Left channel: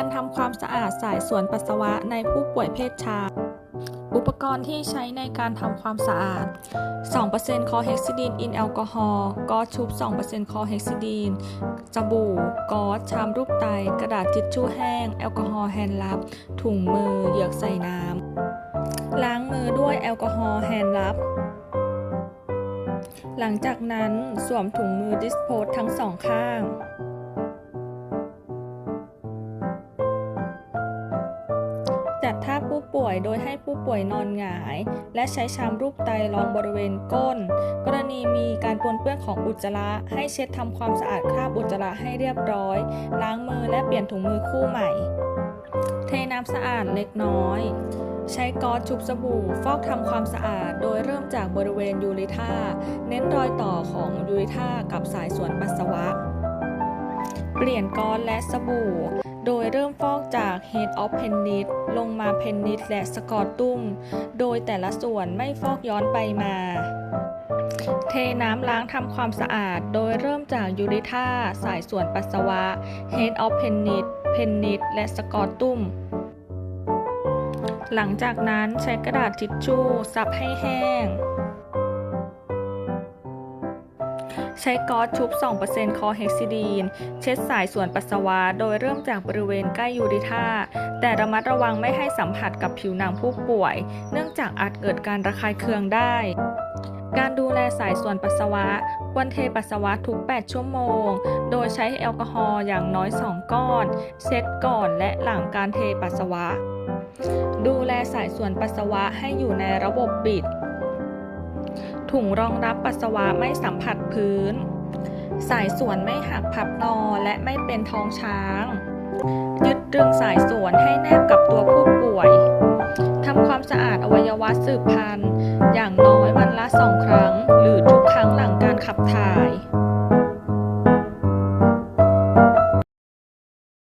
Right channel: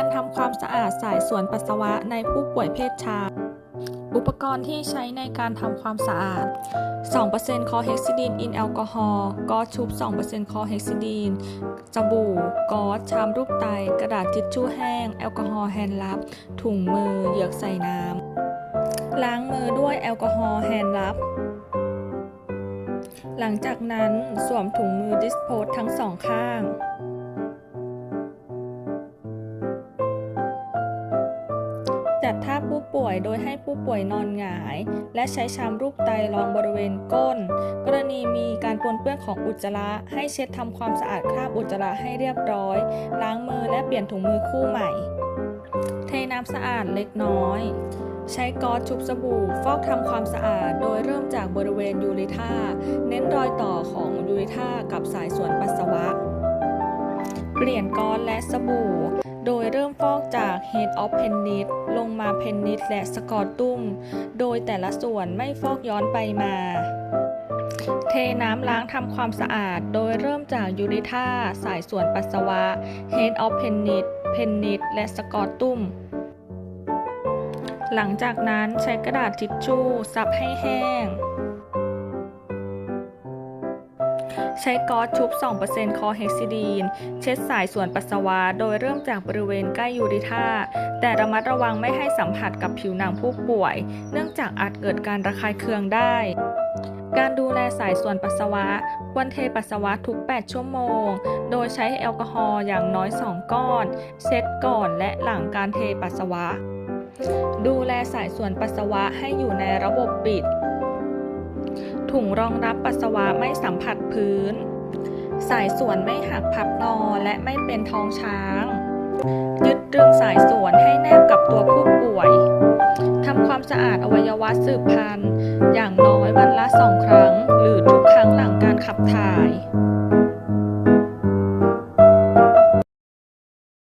การทำความสะอาดสายส่วนปัสสาวะในผู้ป่วยเพศชาย อุปกรณ์ที่ใช้ในการทำความสะอาด 2%คอเฮกซิดีนอินแอลกอฮอล์กอชุบ 2%คอเฮกซิดีนสบู่กอชามรูปไต กระดาษทิชชู่แห้ง แอลกอฮอล์แฮนด์ลับ ถุงมือ เหยือกใส่น้ำ ล้างมือด้วยแอลกอฮอล์แฮนด์ลับหลังจากนั้นสวมถุงมือดิสโพสทั้งสองข้าง จัดท่าผู้ป่วยโดยให้ผู้ป่วยนอนหงาย และใช้ชามรูปไตรองบริเวณก้น กรณีมีการปนเปื้อนของอุจจาระ ให้เช็ดทำความสะอาดคราบอุจจาระให้เรียบร้อย ล้างมือและเปลี่ยนถุงมือคู่ใหม่ เทน้ำสะอาดเล็กน้อย ใช้ก๊อซชุบสบู่ ฟอกทำความสะอาด โดยเริ่มจากบริเวณยูริท่าเน้นรอยต่อของยูริท่ากับสายส่วนปัสสาวะ เปลี่ยนก๊อซและสบู่ โดยเริ่มฟอกจาก Head of Penis ลงมา Penis และสกอตตุ้ม โดยแต่ละส่วนไม่ฟอกย้อนไปมา เทน้ำล้างทำความสะอาด โดยเริ่มจากยูริท่าสายส่วนปัสสาวะ Head of Penis Penis และสกอตตุ้มหลังจากนั้นใช้กระดาษทิชชู่ซับให้แห้ง ใช้ก๊อซชุบ 2%คอเฮกซิดีน เช็ดสายส่วนปัสสาวะ โดยเริ่มจากบริเวณใกล้ยูริท่าแต่ระมัดระวังไม่ให้สัมผัสกับผิวหนังผู้ป่วย เนื่องจากอาจเกิดการระคายเคืองได้การดูแลสายส่วนปัสสาวะ ควรเทปัสสาวะทุก 8 ชั่วโมง โดยใช้แอลกอฮอล์อย่างน้อย 2 ก้อน เช็ดก่อนและหลังการเทปัสสาวะ ดูแลสายส่วนปัสสาวะให้อยู่ในระบบปิด ถุงรองรับปัสสาวะไม่สัมผัสพื้น สายส่วนไม่หักพับงอและไม่เป็นท้องช้าง ยึดตรึงสายส่วนให้แนบกับตัวผู้ป่วยทำความสะอาดอวัยวะสืบพันธุ์ อย่างน้อยวันละสองครั้ง หรือทุกครั้งหลังการขับถ่าย